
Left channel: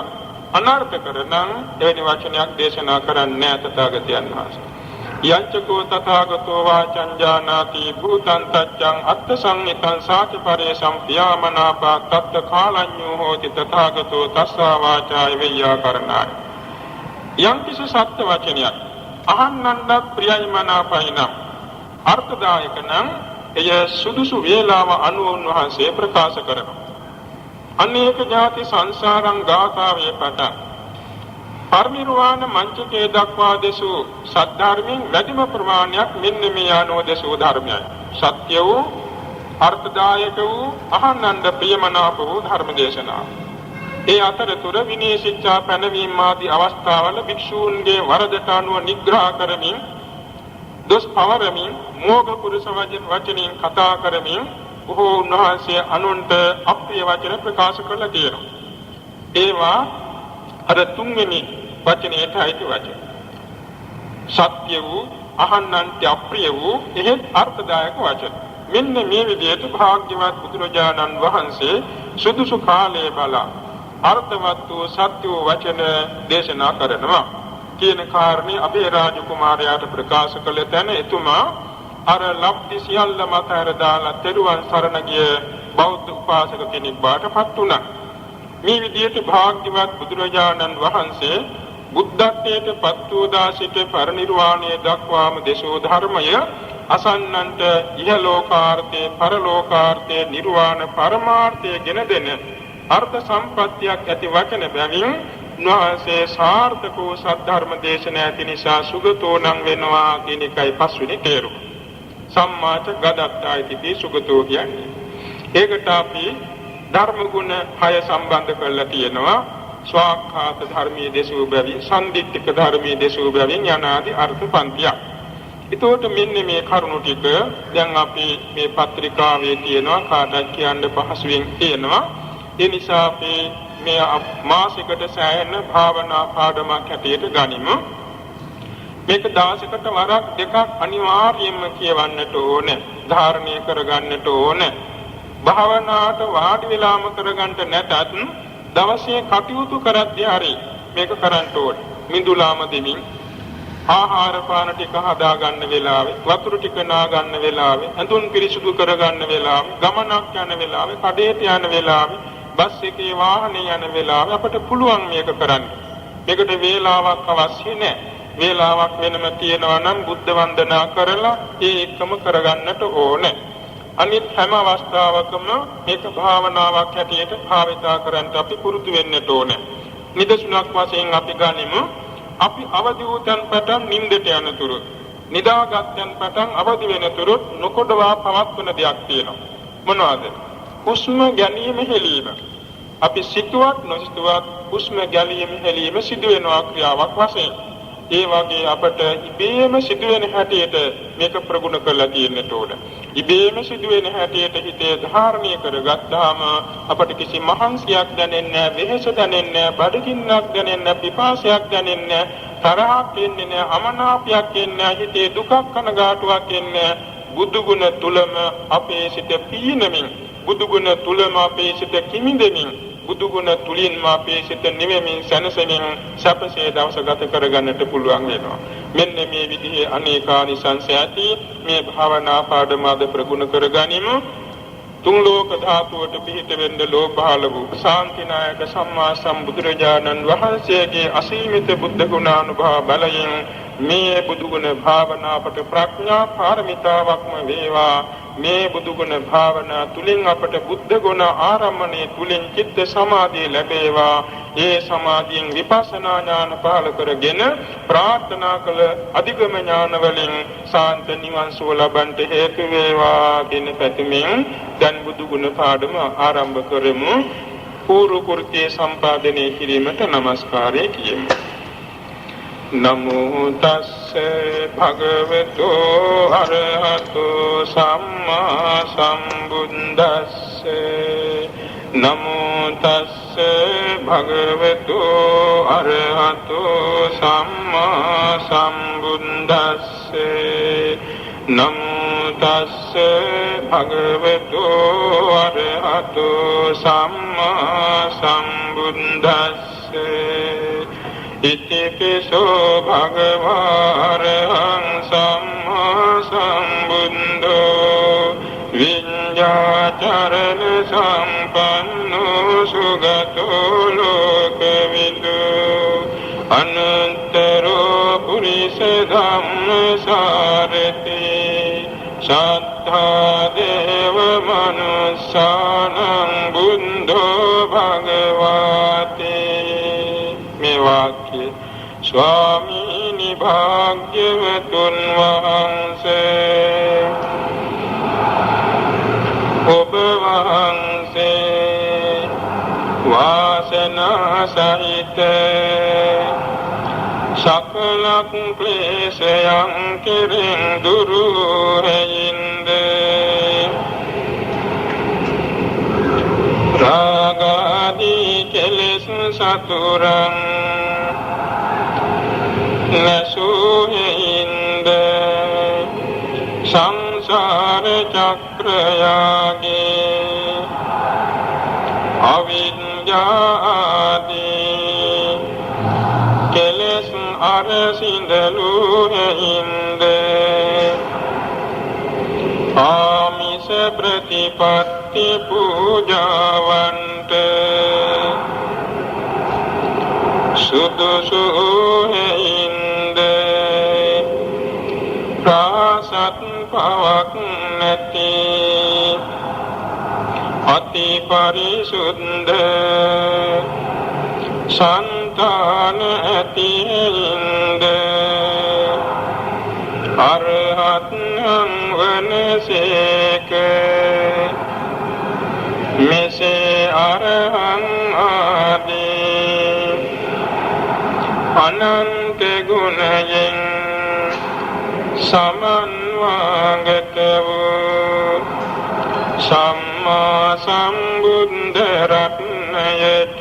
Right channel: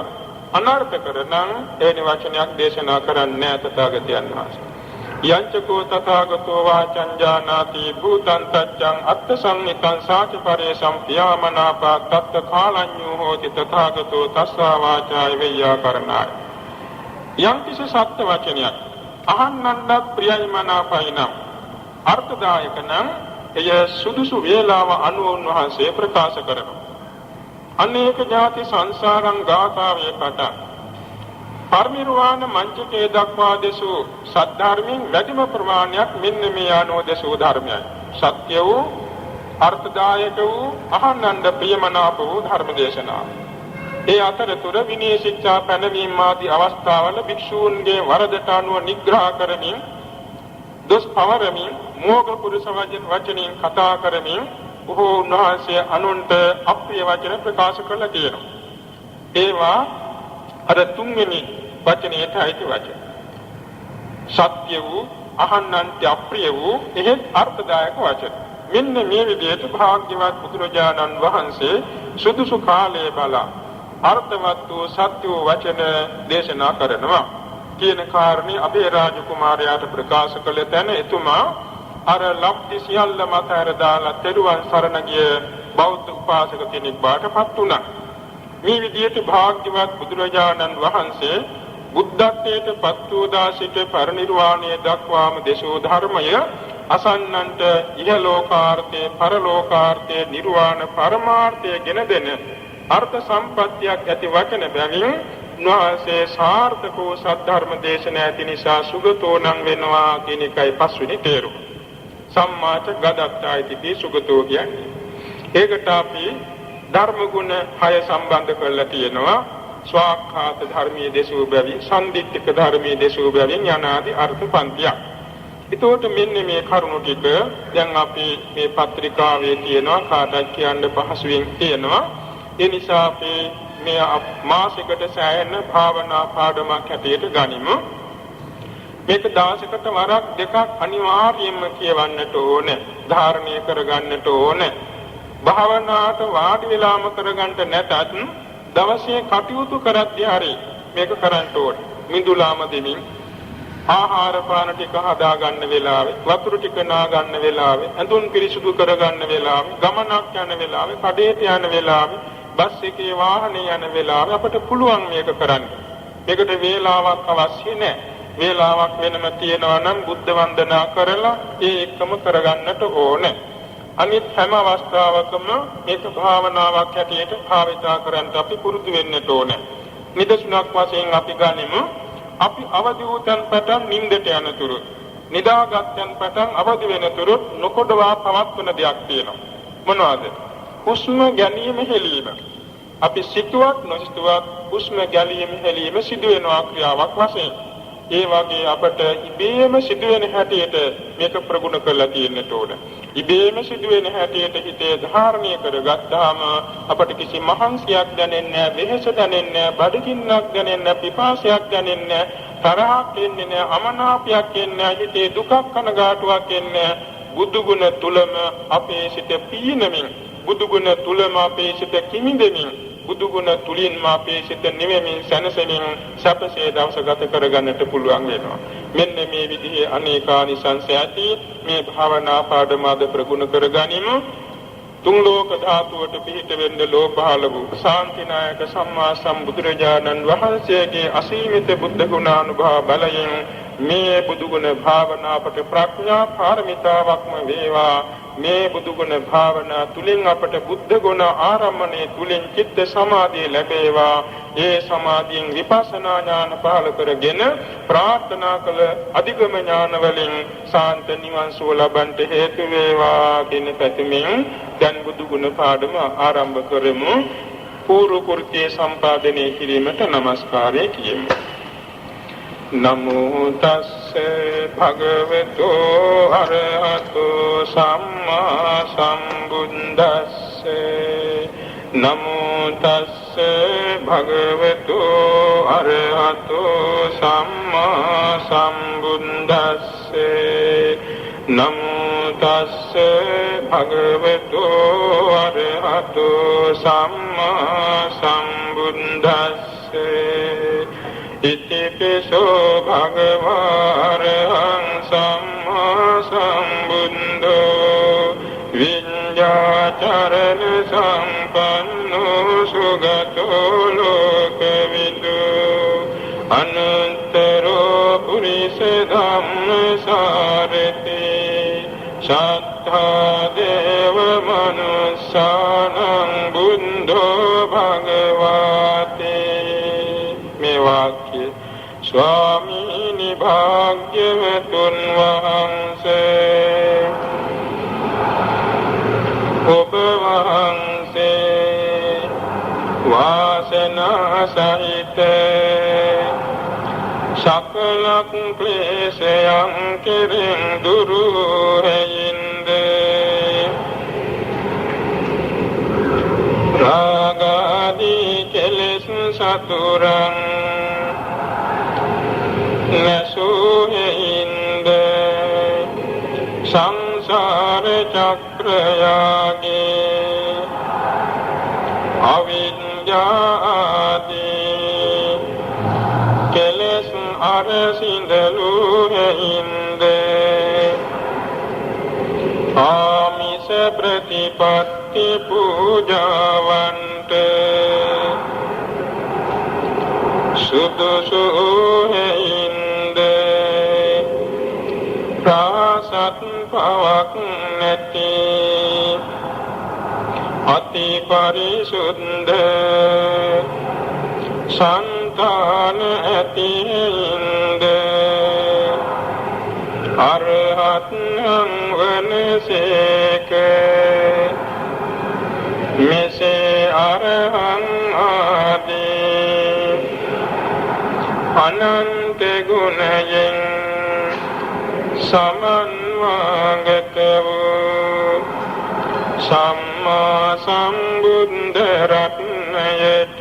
අනර්ථ කරන එවැනි වචනයක් දේශනා කරන්නේ තථාගතයන් වහන්සේ. යංචකෝ තථාගතෝ වාචං ජානාති භූතං තච්ඡං අත්ථ සංහිතං සාචිපරේසං පියාමනාපා තත්ත කාලඤ්ඤෝ හෝති තථාගතෝ තස්සා වාචාය වේයාකරණාය. යම් කිසි සත්‍ය වචනයක් අහන්නන්ට ප්‍රියයි මනාපයි නම් අර්ථදායක නම් එය සුදුසු වේලාව අනුව උන්වහන්සේ ප්‍රකාශ කරනවා. අනේක ඥාති සංසාරං ගාථාවේ පටන් පරිනිර්වාණ මංචකේ දක්වා දෙසූ සද්ධර්මයෙන් වැඩිම ප්‍රමාණයක් මෙන්න මේ ආනෝ දෙසූ ධර්මයයි. සත්‍ය වූ අර්ථදායක වූ අහන්නන්ට ප්‍රියමනාප වූ ධර්ම දේශනාව. ඒ අතරතුර විනය ශික්ෂා පැනවීම ආදී අවස්ථාවල භික්ෂූන්ගේ වරදට අනුව නිග්‍රහ කරමින් දොස් පවරමින් මෝග පුරුෂ වචනින් කතා කරමින් බොහෝ උන්වහන්සේ අනුන්ට අප්‍රිය වචන ප්‍රකාශ කළා කියනවා. ඒවා අර තුන්වෙනි වචනයට අයිති වචන. සත්‍ය වූ අහන්නන්ට අප්‍රිය වූ එහෙත් අර්ථදායක වචන. මෙන්න මේ විදිහට භාග්‍යවත් බුදුරජාණන් වහන්සේ සුදුසු කාලයේ බලා අර්ථවත් වූ සත්‍ය වූ වචන දේශනා කරනවා කියන කාරණේ අබේරාජ කුමාරයාට ප්‍රකාශ කළ තැන එතුමා අර ලබ්ධි සියල්ල මත අර දාලා පෙරුවන් සරණ ගිය බෞද්ධ උපාසක කෙනෙක් බාටපත් වුණා. මේ විදිහට භාග්‍යවත් බුදුරජාණන් වහන්සේ බුද්ධත්වයට පත් වූ දාසික පරිනිර්වාණය දක්වාම දේශෝ ධර්මය අසන්නන්ට ඉහලෝකාර්ථේ පරලෝකාර්ථේ නිර්වාණ පරමාර්ථය ගෙන දෙන අර්ථ සම්පත්තියක් ඇති වචන බැවින් උන්වහන්සේ සාර්ථකෝ සද්ධර්ම දේශනා ඇති නිසා සුගතෝ නම් වෙනවා කියන එකයි පස්වෙනි තේරුම. සම්මාච ගදත්තායිති සුගතෝ කියන්නේ. ඒකට අපි ධර්ම ගුණ 6 සම්බන්ධ කරලා තියෙනවා. ස්වාක්ඛාත ධර්මයේ දේශෝ බැවි, සම්දිත්තික ධර්මයේ දේශෝ බැවින් යනාදී අර්ථ පන්තියක්. ඒතකොට මෙන්න මේ කරුණු ටික දැන් අපි මේ පත්‍රිකාවේ තියෙනවා කාටත් කියන්න පහසුවෙන් තියෙනවා. ඒ නිසා අපි මේ මාසයකට සෑහෙන භාවනා පාඩමක් හැටියට ගනිමු. මේක දවසකට වරක් දෙකක් අනිවාර්යයෙන්ම කියවන්නට ඕනේ. ධාරණය කරගන්නට ඕනේ. භාවනාවට වාඩි වෙලාම කරගන්න නැතත් දවසේ කටයුතු කරද්දී හරි මේක කරන්න ඕනේ. මිදුලාම දෙමින් ආහාර පාන ටික හදා ගන්න වෙලාවේ, වතුර ටික නා ගන්න වෙලාවේ, ඇඳුම් පිරිසිදු කර ගන්න වෙලාවේ, ගමනක් යන වෙලාවේ, කඩේට යන වෙලාවේ, බස් එකේ වාහනේ යන වෙලාවේ අපිට පුළුවන් මේක කරන්න. මේකට වේලාවක් අවශ්‍ය නැහැ. වේලාවක් වෙනම තියනවා නම් බුද්ධ වන්දනා කරලා ඒ එකම කරගන්නට ඕනේ. අනිත් හැම අවස්ථාවකම මේක භාවනාවක් හැටියට භාවිතා කරන්න අපි පුරුදු වෙන්නට ඕනේ. නිදසුනක් වශයෙන් අපි ගනිමු. අපි අවදි වූතන් පටන් නිින්දට යනතුරු නිදාගත්යන් පටන් අවදි වෙනතුරු නොකොඩවා පවත්වන දෙයක් තියෙනවා. මොනවාද? හුස්ම ගැනීම හෙලීම. අපි සිතුවත් නොසිතුවත් හුස්ම ගැනීම හෙලීම සිදු වෙනවා ක්‍රියාවක් වශයෙන්. ඒ වගේ අපට ඉබේම සිදුවෙන හැටියට මේක ප්‍රගුණ කරලා තියෙන්නට ඕන. ඉබේම සිදුවෙන හැටියට හිතේ ධාරණය කරගත්තාම අපට කිසි මහන්සියක් දැනෙන්නේ නැහැ, වෙහෙස දැනෙන්නේ නැහැ, බඩගින්නක් දැනෙන්නේ නැහැ, පිපාසයක් දැනෙන්නේ නැහැ, තරහක් එන්නේ නැහැ, අමනාපයක් එන්නේ නැහැ, හිතේ දුකක් කනගාටුවක් එන්නේ නැහැ. බුදු ගුණ තුලම අපේ සිත පීනමින්, බුදු ගුණ තුලම අපේ සිත කිමිදෙමින්, බුදු ගුණ තුලින් මාපේ සිත නිවෙමින් සැනසෙමින් සැපසේ දවස ගත කරගන්නට පුළුවන් වෙනවා. මෙන්න මේ විදිහේ අනේකානිසංස ඇති මේ භාවනා පාඩම අද ප්‍රගුණ කරගනිමු. තුන් ලෝක ධාතුවට පිහිට වෙන්න ලෝභාල වූ ශාන්තිනායක සම්මා සම්බුදුරජාණන් වහන්සේගේ අසීමිත බුද්ධ ගුණානුභව බලයෙන් මේ බුදු ගුණ භාවනාවට ප්‍රඥා පාරමිතාවක්ම වේවා. මේ බුදු ගුණ භාවනා තුලින් අපට බුද්ධ ගුණ ආරම්භණය තුලින් චිත්ත සමාධිය ලැබේවා. ඒ සමාධියෙන් විපස්සනා ඥාන පහළ කරගෙන ප්‍රාර්ථනා කළ අධිගම ඥාන වලින් සාන්ත නිවන් සුව ලබන්නට හේතු වේවා දින පැතුමින් දැන් බුදු ගුණ පාඩම ආරම්භ කරමු. පූර්ව කුර්කේ සම්පාදනය කිරීමට নমස්කාරය කියමු. නමෝ තස්ස භගවතෝ අරහතෝ සම්මා සම්බුද්දස්ස නමෝ තස්ස භගවතෝ අරහතෝ සම්මා සම්බුද්දස්ස නමෝ තස්ස භගවතෝ අරහතෝ සම්මා සම්බුද්දස්ස ඉතිපිසෝ භගවාරහං සම්මා සම්බුද්ධෝ විඤ්ඤාචරණ සම්පන්නෝ සුගතෝ ලෝකවිදු අනන්තරෝ පුරිස ධම්මසාරති සත්තා දේව මනුස්සානං බුද්ධෝ භගවාතේ. මේ වාක්‍ය ස්වාමීනි භාග්‍යවතුන් වහන්සේ ඔබ වහන්සේ වාසනා සහිත සකල ක්ලේශයන් කෙරෙන් දුරු හේින්ද රාගාදී කෙලෙස් සතුරන් නසුහින්ද සංසාර චක්‍රයාගේ අවිද්‍යාදී කෙලෙස් අරසිඳලු හේින්ද ආමිස ප්‍රතිපත්ති පූජාවන්ට සුදුසු හේින්ද ප්‍රාසත් පවක් නැති අති පරිසුද්ධ සංතාන ඇතින්ද අරහත්නම් වනසේක මෙසේ අරහං ආදී අනන්ත ගුණයෙන් සමන්වාගත වූ සම්මා සම්බුද්ධ රත්නයට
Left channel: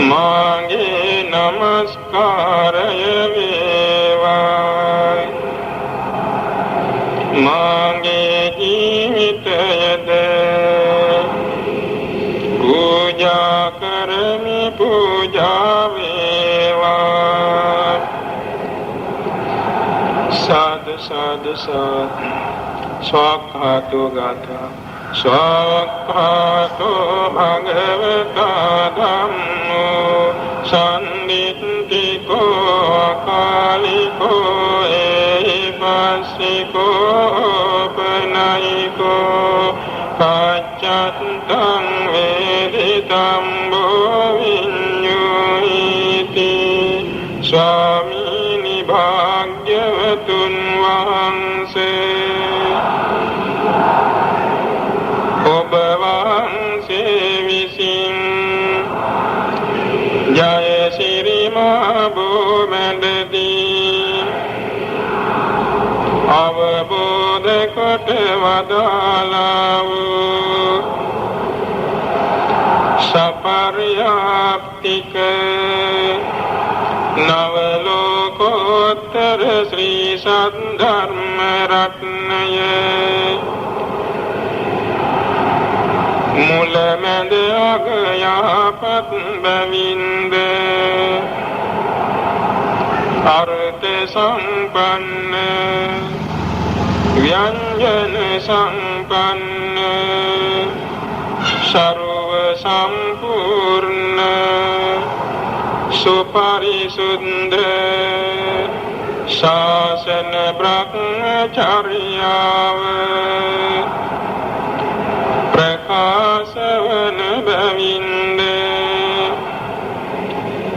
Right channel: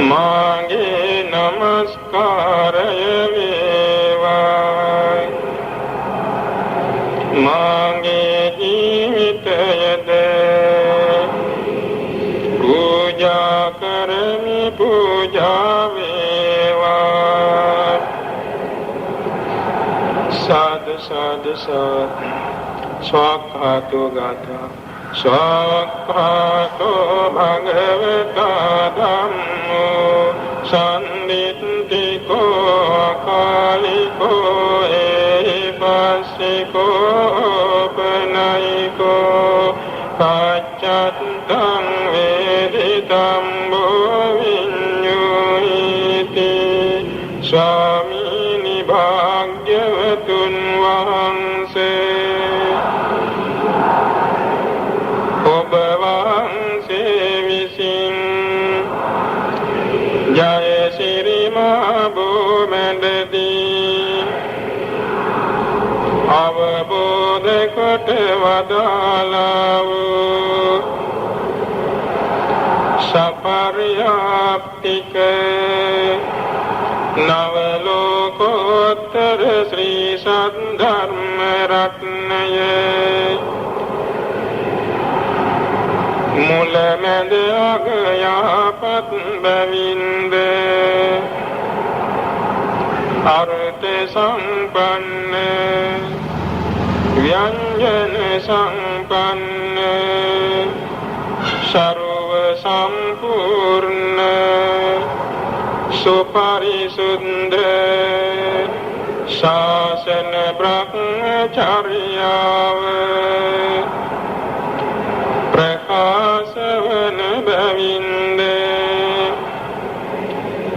මාගේ නමස්කාරය වේවා. මාගේ ජීවිතයද පූජා කරමි පූජා වේවා. සාදු සාදු සාදු ස්වාක්ඛාතෝ ගාථා ස්වාක්ඛාතෝ භගවතා ධම්මෝ සම්නිත්තිකෝ කාලිකෝ ඒපස්සිකෝ පනයිකෝ පච්චත්තං වේදිතං බෝ විඤ්ඤුයිති. ස්වාමීනි භාග්‍යවතුන් වහන්සේ ඔබ වහන්සේ විසින් ජය ශ්‍රී මහා භූමැඩදී අවබෝධ කොට වදාළා වූ සපරියාප්තික නව ලෝකෝත්තර ශ්‍රී සද්ධර්ම රත්නය මුල මැද අග යහපත් බැවින්ද අර්ථ සම්පන්න ව්‍යංජන සම්පන්න සර්ව සම්පූර්ණ සුපරිසුද්ධ ශාසන බ්‍රහ්මචර්යාව ප්‍රකාශ වන බැවින්ද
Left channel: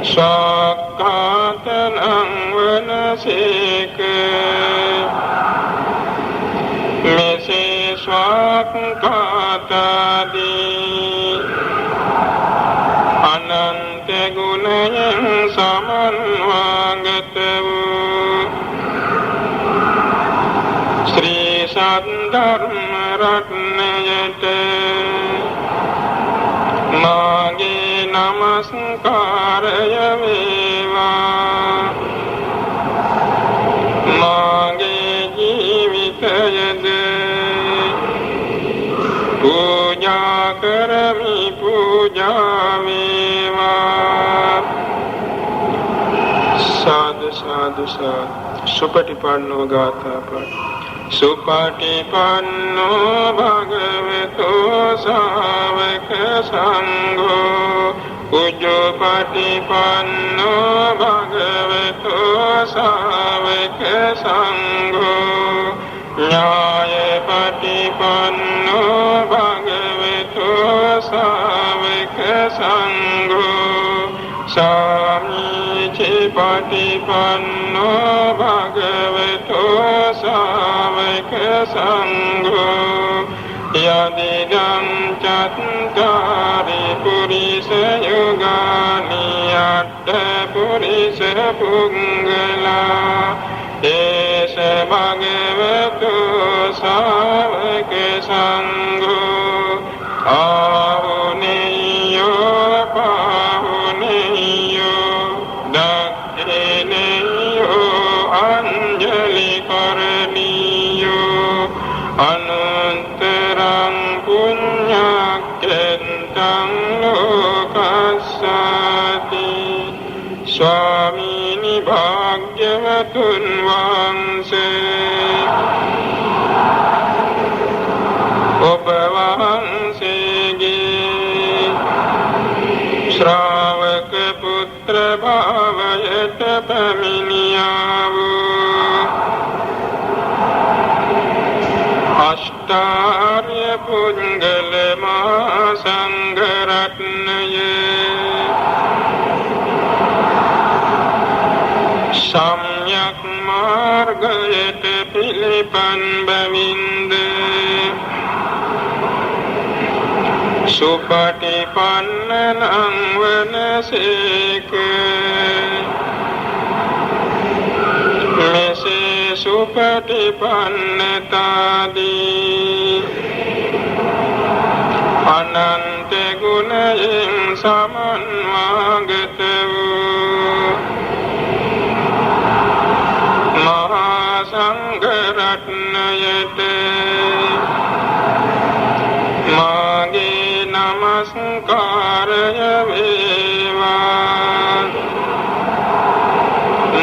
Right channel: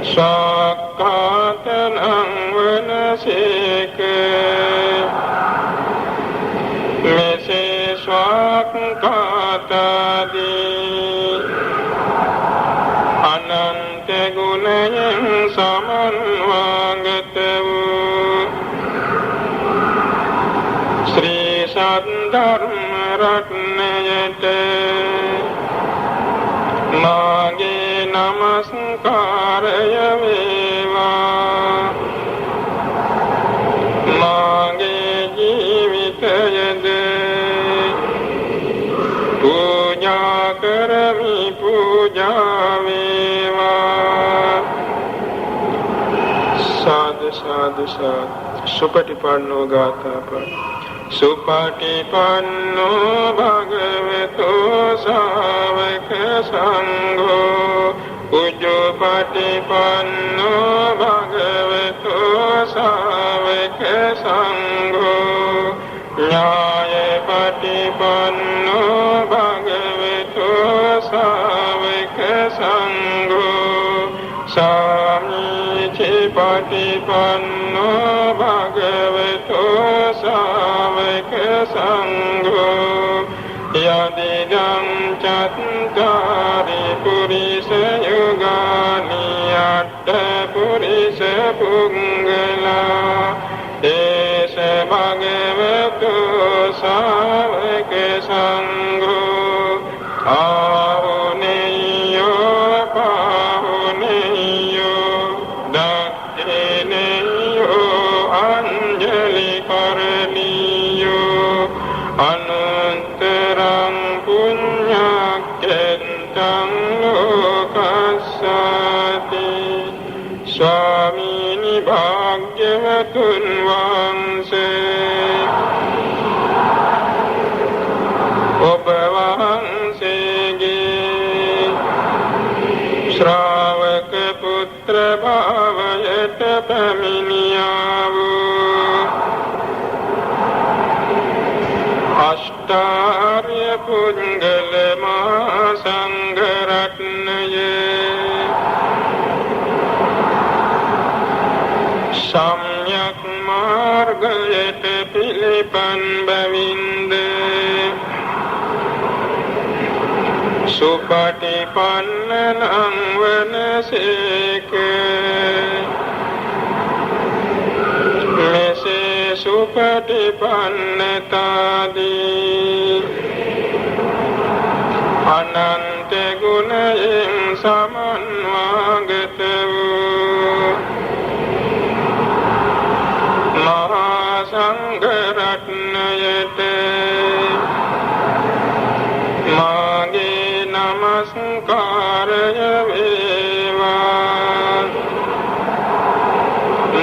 සක්කාතං වනසේක මෙසේ ස්වාක්ඛාතාදී අනන්ත ගුණයන් සමන්වාගත වූ ශ්‍රී සද්ධර්ම රත්නයට මාගේ නමස්කාරය වේවා. මාගේ ජීවිතයද පූජා කරමි, පූජා වේවා. සාදු සාදු සාදු. සුපටිපන්නෝ ගාථාපද. සුපටිපන්නෝ භගවතෝ සාවක සංඝෝ උජ්ජෝපටිපන්නෝ භගවතෝ සාවක සංඝෝ ඥායපටිපන්නෝ භගවතෝ සාවක සංඝෝ සාමීචි පටිපන්නෝ භගවතෝ සාවක සංඝෝ යදිදං චත්තාරි පුරිස යුගානි අට්ඨ පුරිස පුංගලා ඒස භගවතෝ සාවක සංඝෝ ආහුනේයෝ පාහුනේයෝ දක්ඛිනේයෝ අංජලි කරණීයෝ අනන්තරං පුඤ්ඤක්ඛෙන්තං ලෝකස්සති. ස්වාමීනි භාග්‍යවතුන් වහන්සේ ඔබ වහන්සේගේ ශ්‍රාවක පුත්‍ර භාවයට පැමිණියා වූ අෂ්ටාර්ය පුංගල මහා සංඝ රත්නයේ සම්්‍යක් මාර්ගයට පිළිපන් බැවින්ද සුපටිපන්නං වනසේක. මෙසේ සුපටිපන්නතාදී අනන්ත ගුණයෙන් සමන්වාගත වූ මහා සංඝ රත්නයට මාගේ නමස්කාරය වේවා.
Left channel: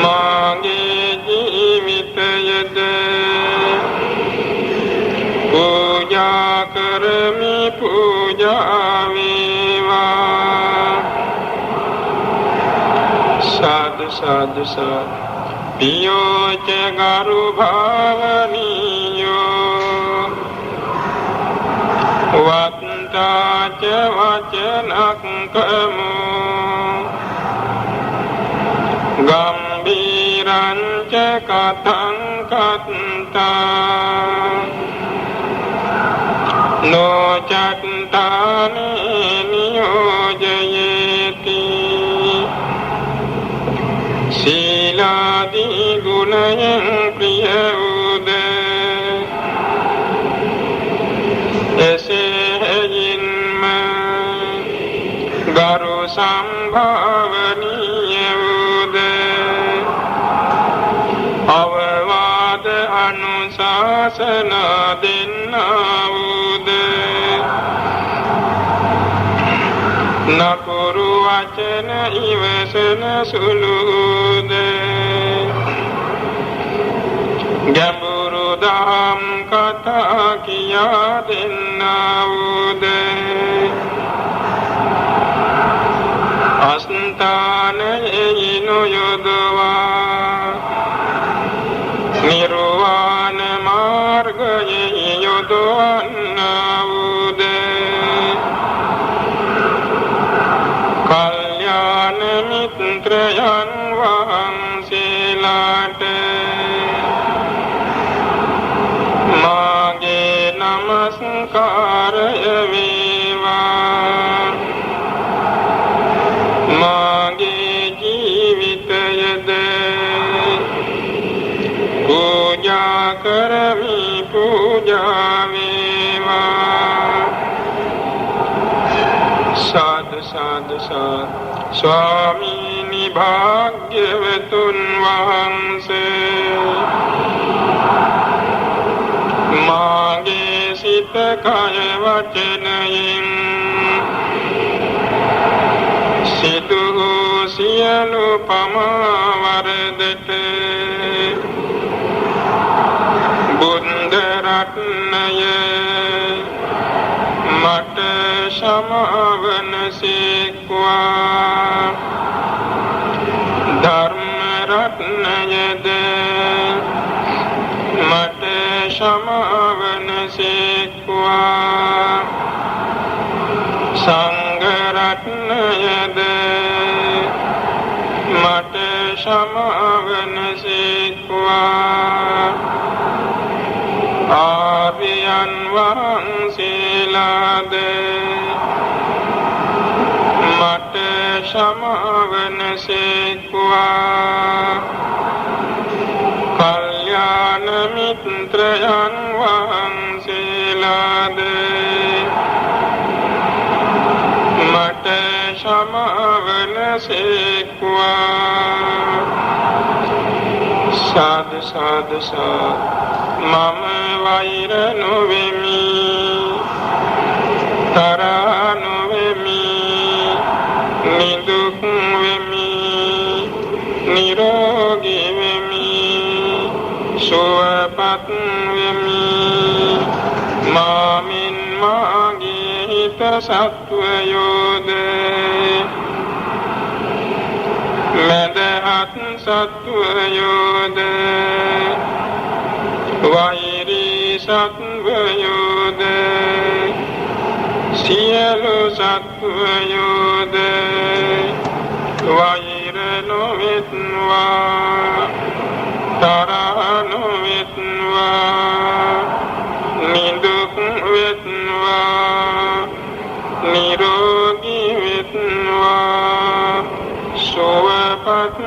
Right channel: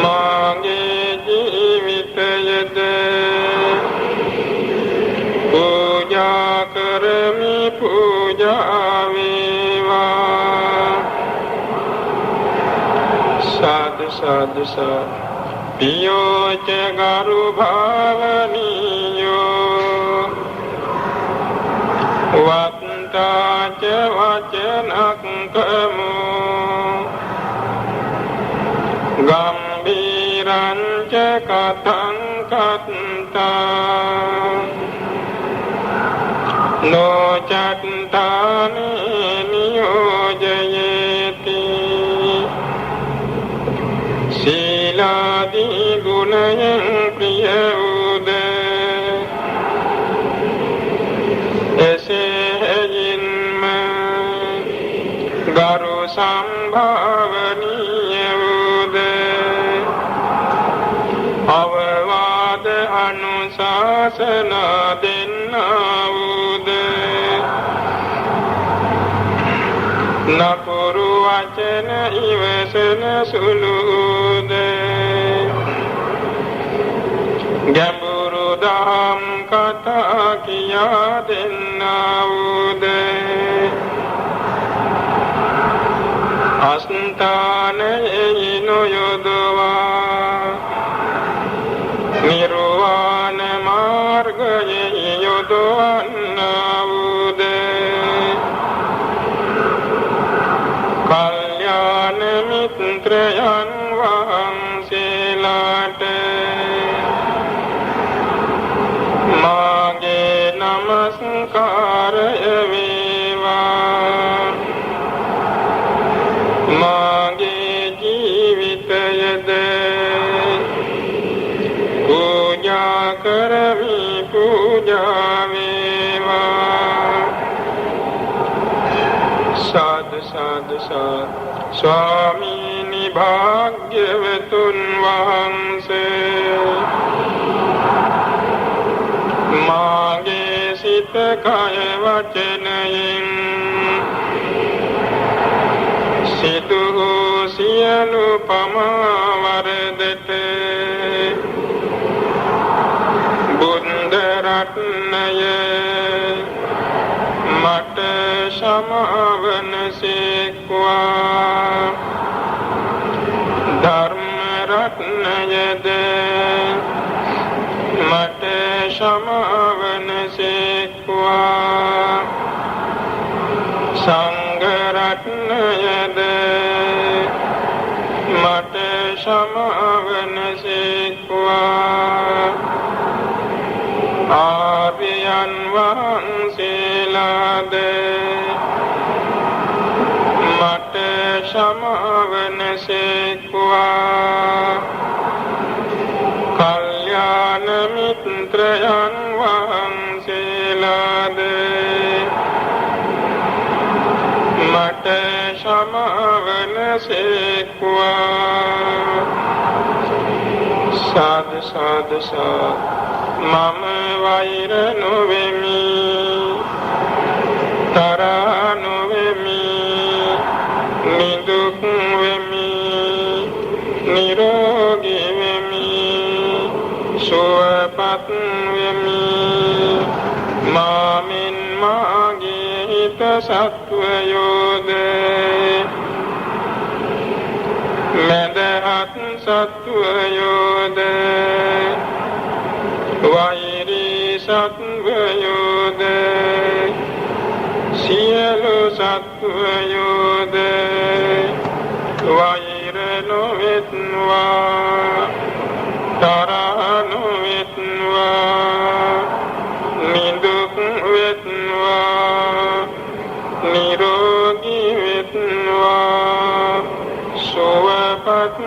මාගේ ජීවිතයද පූජා කරමි, පූජා වේවා. සාදු සාදු සාදු. පියෝච ගරු භාවනියෝ වත්තාච වචනක්කමෝ ගම්බීරංච කතං කත්තා නොචත්තානි නියෝජයේති. සීලාදී ගුණයෙන් ප්‍රිය උද එසේයින්ම ගරු සම්භාවනීය උද අවවාද අනුශාසනා දෙන්නා උද නපුරු වචන ඉවසන සුළුද ගැඹුරු දහම් කතා කියා දෙන්නා වූද අස්ථානයේ නොයොදවා පුදවන්නා වූද කල්යාණ මිත්‍රයන් වහන්සේලාට මාගේ නමස්කාරය වේවා. මාගේ ජීවිතයද පූජා කරමි පූජා වේවා. සාදු සාදු සාදු. ස්වාමීනි භාග්‍යවතුන් වහන්සේ මාගේ සිත කය වචනයෙන් සිදු වූ සියලු පමා වරදට බුද්ධ රත්නය මට සමාවන සේක්වා. ධර්ම රත්නයද මට සමාවන සේක්වා. සංඝ රත්නයද මට සමාවන සේක්වා. ආර්යයන් වහන්සේලාද මට සමාවන සේක්වා. කල්යාණ මිත්‍රයන් වහන්සේලාද මට සමාවන සේක්වා. සාදු සාදු සාදු. මම වෛර නොවෙමි තරහ නොවෙමි නිදුක් වෙමි නිරෝගී වෙමි සුවපත් වෙමි. මාමින් මාගේ හිත සත්වයෝද මෙදහත් සත්වයෝද වෛරී සත්වයෝද සියලු සත්වයෝද වෛර නොවෙත්වා තරහ නොවෙත්වා නිදුක් වෙත්වා නිරෝගී වෙත්වා සුවපත්